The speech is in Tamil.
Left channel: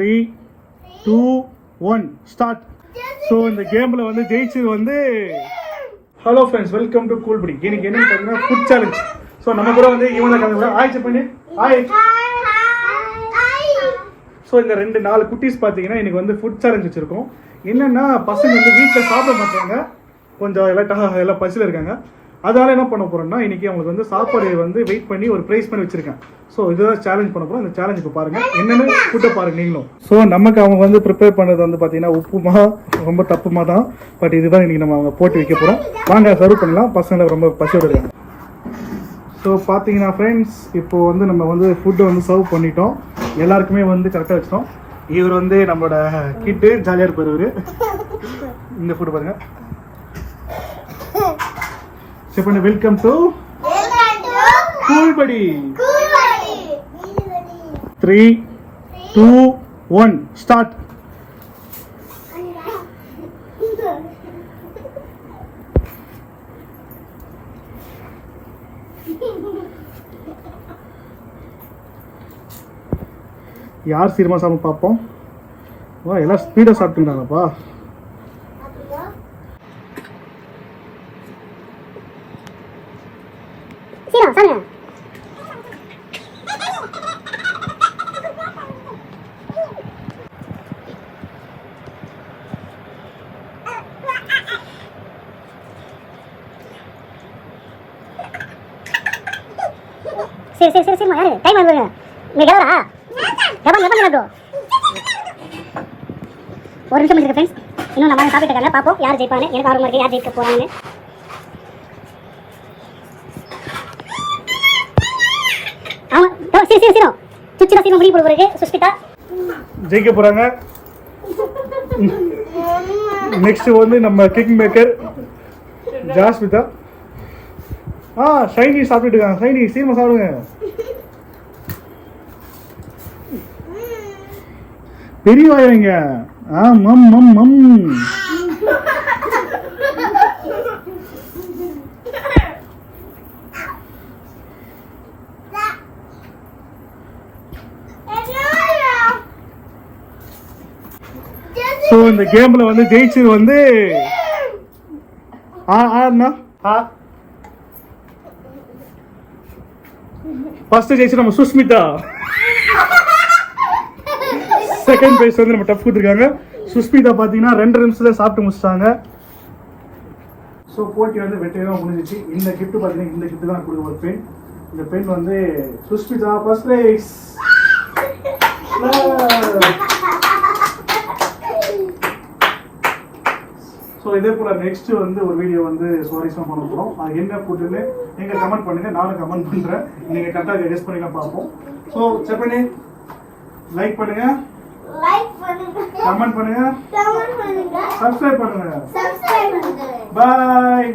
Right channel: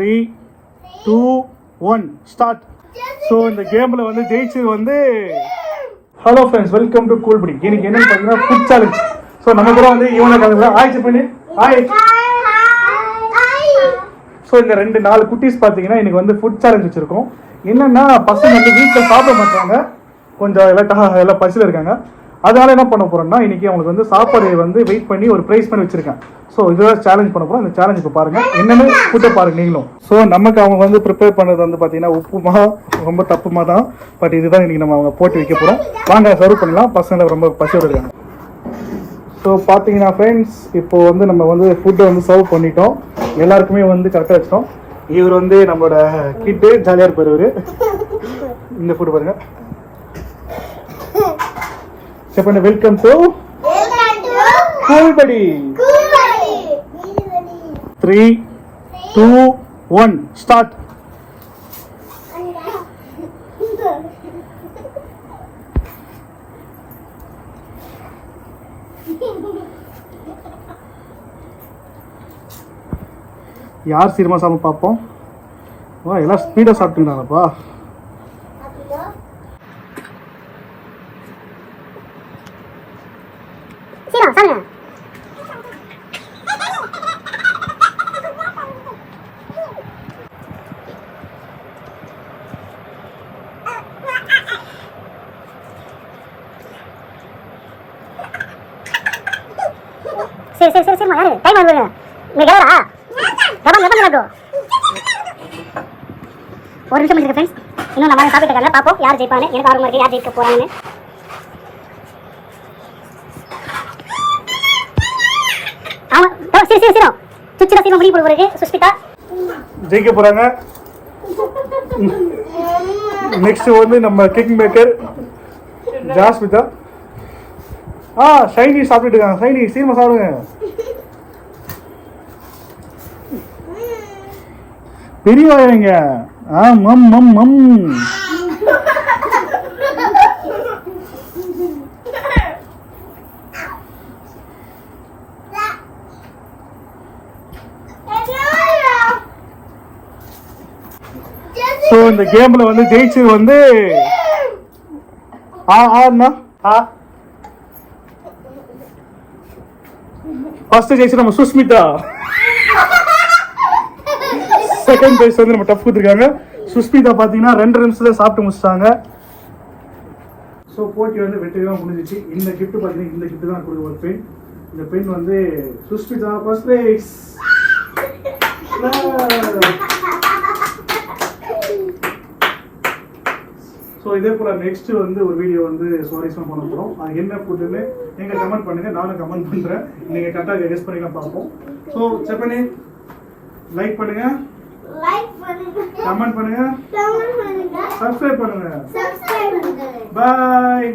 3, 2, 1 ஸ்டார்ட். ஸோ இந்த கேமில் வந்து ஜெயிச்சது வந்து ஹலோ ஃப்ரெண்ட்ஸ், வெல்கம் டு கூல்படி. இன்னைக்கு என்னன்னு பார்த்தீங்கன்னா ஃபுட் சேலஞ்ச். ஸோ நம்ம கூட வந்து இவனை ஆயிடுச்சு பண்ணி ஸோ இந்த 4 குட்டீஸ் பார்த்தீங்கன்னா இன்னைக்கு வந்து ஃபுட் சேலஞ்ச் வச்சுருக்கோம். என்னென்னா பசங்க வந்து வீட்டில் சாப்பிட மாட்டாங்க, கொஞ்சம் எல்லாம் பசியில் இருக்காங்க. அதனால என்ன பண்ண போறோம்னா இன்னைக்கு அவங்களுக்கு வந்து சாப்பாடு வந்து வெயிட் பண்ணி ஒரு ப்ரைஸ் பண்ணி வச்சிருக்கேன். ஸோ இதுதான் சேலஞ்ச் பண்ண போறோம். இந்த சேலஞ்ச் இப்போ பாருங்க என்னென்னு கூட்ட பாருங்க நீங்களும். ஸோ நமக்கு அவங்க வந்து ப்ரிப்பேர் பண்ணது வந்து பார்த்தீங்கன்னா உப்புமா ரொம்ப தப்புமா தான். பட் இதுதான் இன்னைக்கு நம்ம அவங்க போட்டு வைக்க போறோம். வாங்க சர்வ் பண்ணலாம். பசங்களை ரொம்ப பசியோடு இருக்காங்க. ஸோ பார்த்தீங்கன்னா ஃப்ரெண்ட்ஸ், இப்போ வந்து நம்ம வந்து ஃபுட்டை வந்து சர்வ் பண்ணிட்டோம். எல்லாருக்குமே வந்து கரெக்டாக வச்சிட்டோம். இவர் வந்து நம்மளோட கிட்டு ஜாலியாக இருப்பார். இந்த ஃபுட்டு பாருங்க. வெல்கம் டு கூல்படி. 3, 2, 1 ஸ்டார்ட். யார் சீக்கிரமா சாப்பிட பார்ப்போம். எல்லாம் ஸ்பீடா சாப்பிட்டுட்டாங்கப்பா. சரி யாரு டைம் ஆகுது. நீ கேளடா. எவன் ஒரு நிமிஷம் இருக்கு ஃப்ரெண்ட்ஸ். இன்னும் நம்ம சாப்பிட்டு இருக்காங்க. பாப்போம் யார் ஜெயிப்பானு. எனக்கு ஆர்வமா இருக்கு யார் ஜெயிக்க போறாங்கன்னு. ஆமா சரி சுச்சிரா சீமா முடிவு போடுறது. சுஷ்மிதா ஜெயிக்க போறாங்க. நெக்ஸ்ட் வந்து நம்ம கிக் மேக்கர் ஜாஸ்மிதா. ஷைனி சாப்பிட்டு இருக்காங்க. ஷைனி சீமா சாப்பிடுங்க. பெரிய வாயங்க. மம் மம் மம். ஸோ இந்த கேம்ல வந்து ஜெயிச்சது வந்து ஃபர்ஸ்ட் ஜெயிச்சு நம்ம சுஷ்மிதா. செகண்ட் பிரைஸ் வந்து நம்ம டஃப் கொடுத்துருக்காங்க. சுஷ்மிதா பார்த்தீங்கன்னா 2 நிமிஷத்துல சாப்பிட்டு முடிச்சிட்டாங்க. ஸோ போட்டி வந்து வெற்றிகரமாக முடிஞ்சிச்சு. இந்த கிஃப்ட் பார்த்தீங்கன்னா இந்த கிஃப்ட் தான் கொடுக்க ஒரு பெண். இந்த பெண் வந்து சுஷ்மிதா ஃபர்ஸ்ட் பிரைஸ். ஸோ இதே போல நெக்ஸ்ட் வந்து ஒரு வீடியோ வந்து சுவாரஸ்யமாக பண்ண போகிறோம். அது என்ன ஃபுட்டுன்னு நீங்கள் கமெண்ட் பண்ணுங்க. நானும் கமெண்ட் பண்ணுறேன். நீங்கள் கரெக்டாக கெஸ் பண்ணிலாம் பார்ப்போம். ஸோ செக் பண்ணி லைக் பண்ணுங்க, கமெண்ட் பண்ணுங்க, சப்ஸ்கிரைப் பண்ணுங்க. பாய்.